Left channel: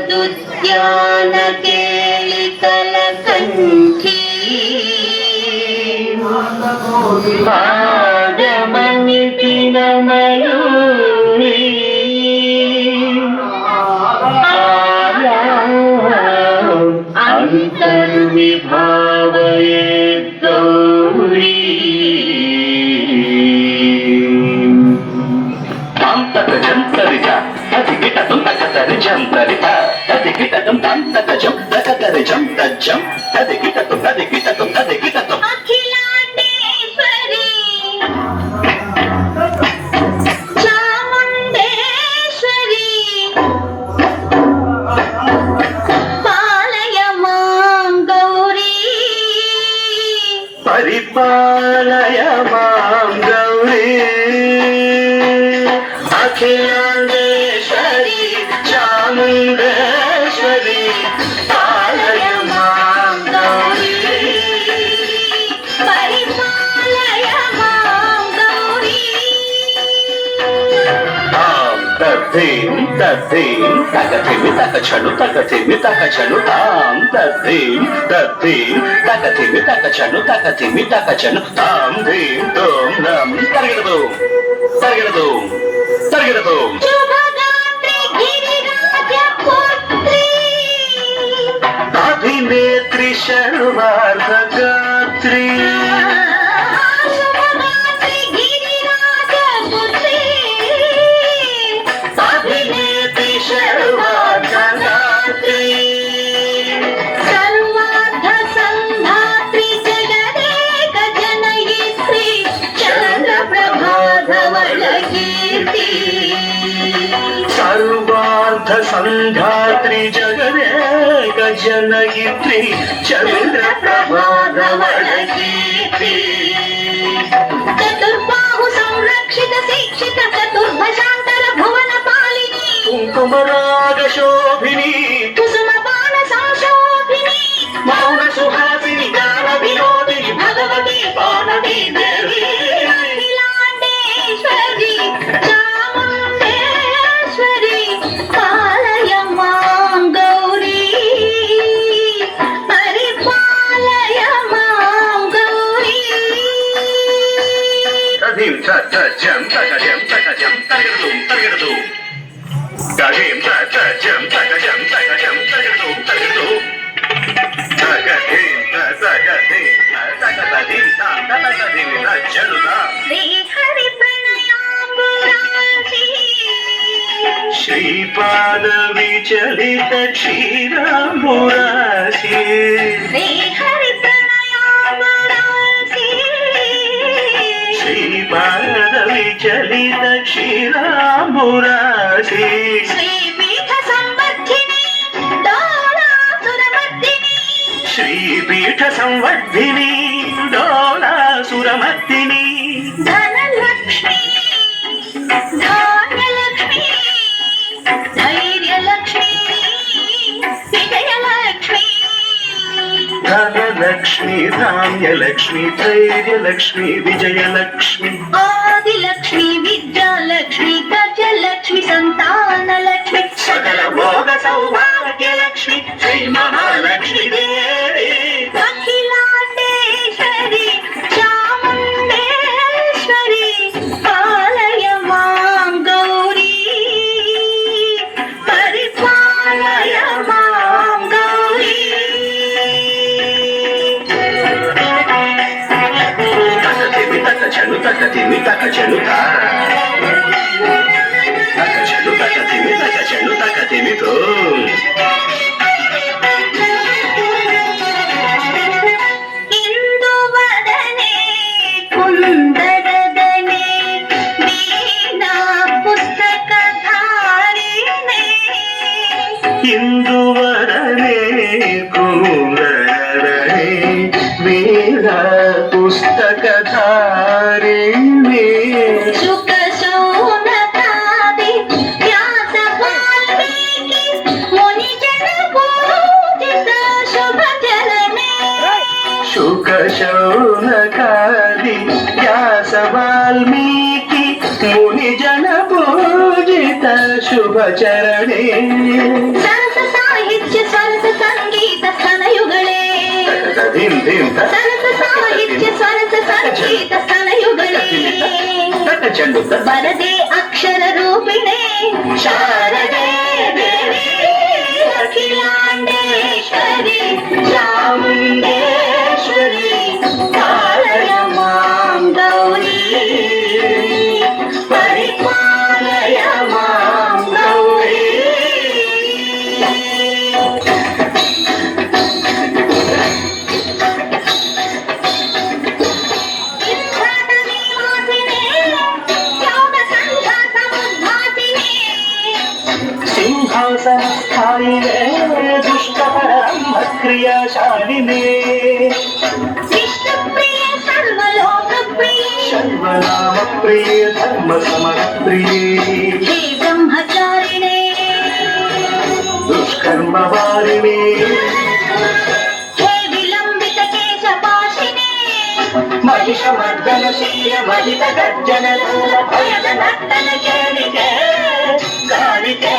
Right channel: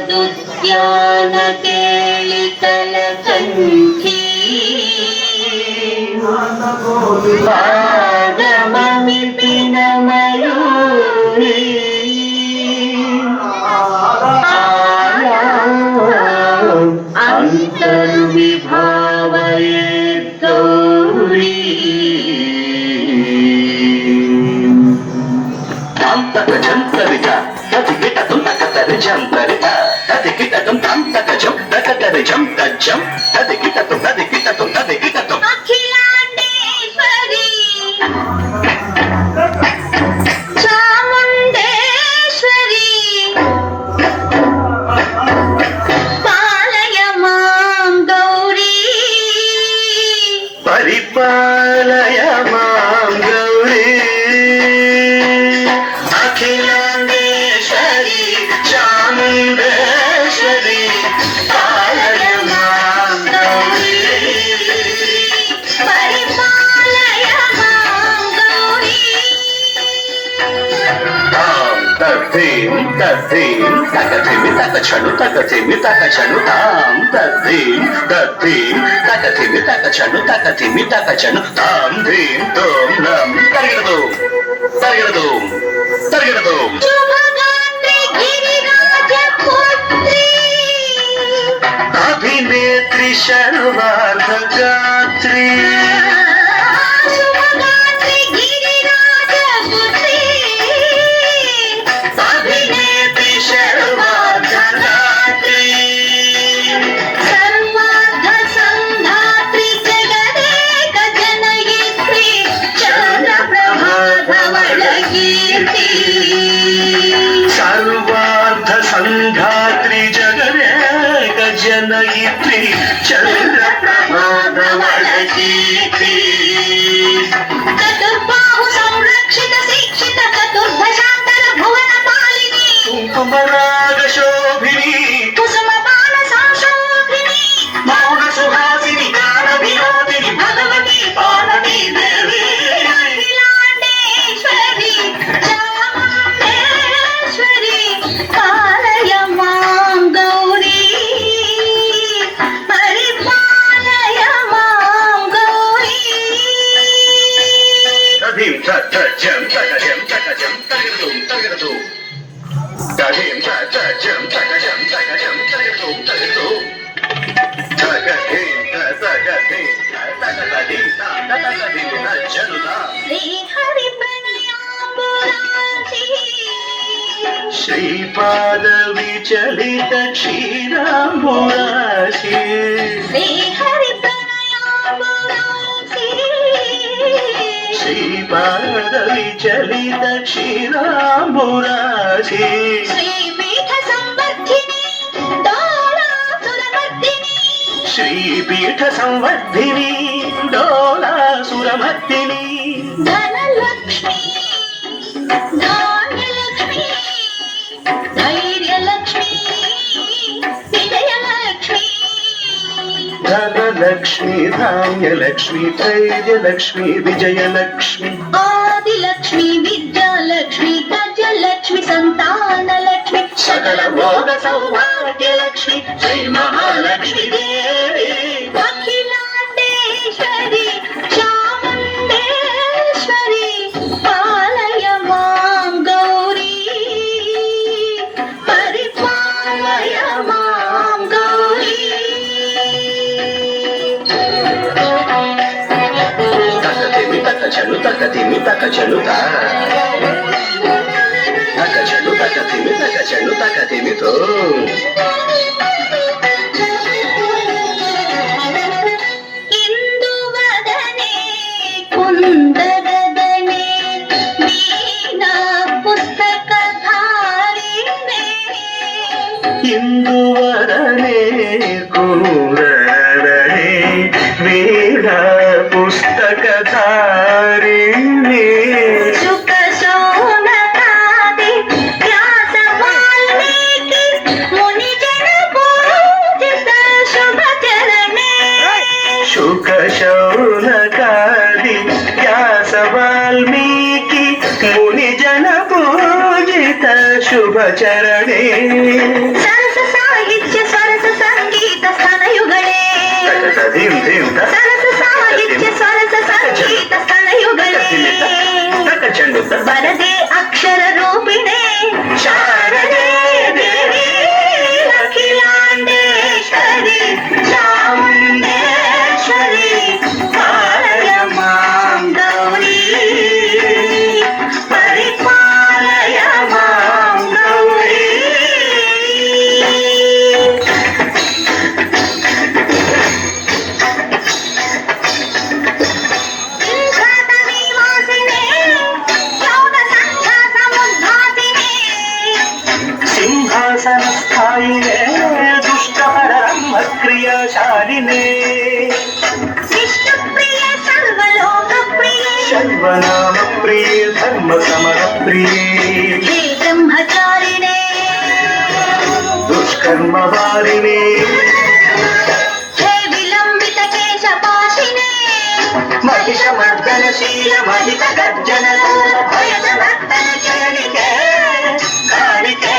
उपनिषदुद्यान केलिकल कंठी पादममितिन मयूरी अंतर्विभावयेत् गौरी तंतरिता तदिकिटतं तकतरिजंतरिता तदिकिटतं तंतकजं तकतरिजं तज्जं तदिकिटतं तदिकिटतं तदिकिटतं अखिलांडेश्वरी चामुंडेश्वरी पालय मां गौरी परिपालय मां गौरी अखिलांडेश्वरी चामुंडेश्वरी पालय मां गौरी परिपालय मां गौरी तद्धीं तद्धीं तकथिमि तकछनु तकथिमि तकछनु तां तद्धीं तद्धीं तकथिमि तकछनु तकथिमि तकछनु तां धीं तों नं तरिगडदो तरिगडदो तरिगडदो शुभगात्रे गिरिराजपुत्री अभिनेत्री सर्वार्थगात्री शुभगात्रे गिरिराजपुत्री अभिनेत्री सर्वार्थगात्री सर्वार्थ संधात्री जगदेक जनयित्री चन्द्रप्रभाधवलकीर्ति सर्वार्थ संधात्री जगदेक जनयित्री चन्द्रप्रभाधवलकीर्ति चतुर्बाहु संरक्षित शिक्षित चतुर्भुजान्तर भुवन पालिनी कुङ्कुमराग शोभिनी कुसुमपान संशोभिनी मौन सुहासिनी गान विनोदिनी भगवती पार्वती देवी अखिलांडेश्वरी चामुंडेश्वरी पालय मां गौरी परिपालय मां गौरी तदीं तजं तकजं तकजं तरिगडदुं तरिगडदुं तदीं तजं तकजं तकजं तरिगडदुं तरिगडदुं तकदीं तकदीं तकदीं तकदीं तजनुता श्री हरि प्रणयाम्बुरासी श्रीपाद विचलित क्षीराम्बुरासी श्री हरि प्रणयाम्बुरासी श्रीपाद विचलित क्षीराम्बुरासी श्रीपीठ संवर्धिनी डोलासुरमर्दिनी श्रीपीठ संवर्धिनी डोलासुरमर्दिनी धनलक्ष्मी धान्यलक्ष्मी धैर्यलक्ष्मी विजयलक्ष्मी धनलक्ष्मी धान्यलक्ष्मी धैर्यलक्ष्मी विजयलक्ष्मी आदिलक्ष्मी विद्यालक्ष्मी गजलक्ष्मी संतानलक्ष्मी सकल भोग सौभाग्यलक्ष्मी श्री महालक्ष्मी देवी अखिलांडेश्वरी चामुंडेश्वरी पालय मां गौरी परिपालय मां गौरी तकथिमि तकथिमि तकछनु तकछनु तकथिमि तकछनु तकथिमि तो इंदुवदने कुंदरदने वीणा पुस्तकधारिणे इंदुवदने कुंदरदने वीणा पुस्तकधारिणे शुक शौनकादि व्यास वाल्मीकि मुनिजन पूजित शुभ चरणे शुक शौनकादि व्यास वाल्मीकि मुनिजन पूजित ಶುಭಚರಣೆ ಸರಸ ಸಾಹಿತ್ಯ ಸರಸ ಸಂಗೀತ ಸ್ತನಯುಗಳೇ ಧೀಂ ಧೀಂ ಸರಸ ಸಾಹಿತ್ಯ ಸರಸ ಸಂಗೀತ ಸ್ತನಯುಗಳೇ ಚೆಂಡು ಬರದೆ ಅಕ್ಷರ ರೂಪಿಣೆ ಶಾರದೆ ದೇವಿ ಅಖಿಲಾಂಡೇಶ್ವರಿ ಚಾಮುಂಡೇಶ್ವರಿ ಕಾಳಯ ಮಾಂ ಗೌರಿ ಪರಿಪಾಲಯ ಮಾಂ ಗೌರಿ ಸಿಂಹಾಸ ನಿವಾಸಿನೇ ಯೌನ ಸಂಘಾಸ ಮುದ್ಧಾಸಿನೇ ಸಿಂಹಾಸನ ಸ್ಥಾಯಿನೇ ದುಷ್ಟಪರ ಕ್ರಿಯಾಶಾಲಿನೇ ವಿಷ್ಣುಪ್ರಿಯ ಸರ್ವಲೋಕಪ್ರಿಯೇ ಶರ್ವನಾಮ ಪ್ರಿಯೇ ಧರ್ಮ ಸಮರ ಪ್ರಿಯೇ ಹೇ ಬ್ರಹ್ಮಚಾರಿಣೇ ದುಷ್ಕರ್ಮ ವಾರಿಣೇ ಹೇ ವಿಲಂಬಿತ ಕೇಶಪಾಶಿನೇ ಮಹಿಷ ಮರ್ದನಶೀಲ ಮಹಿತ ಗರ್ಜನ ಭಯದ ಮರ್ದನ ಕೇಳಿಕೆ ಕಾಣಿಕೆ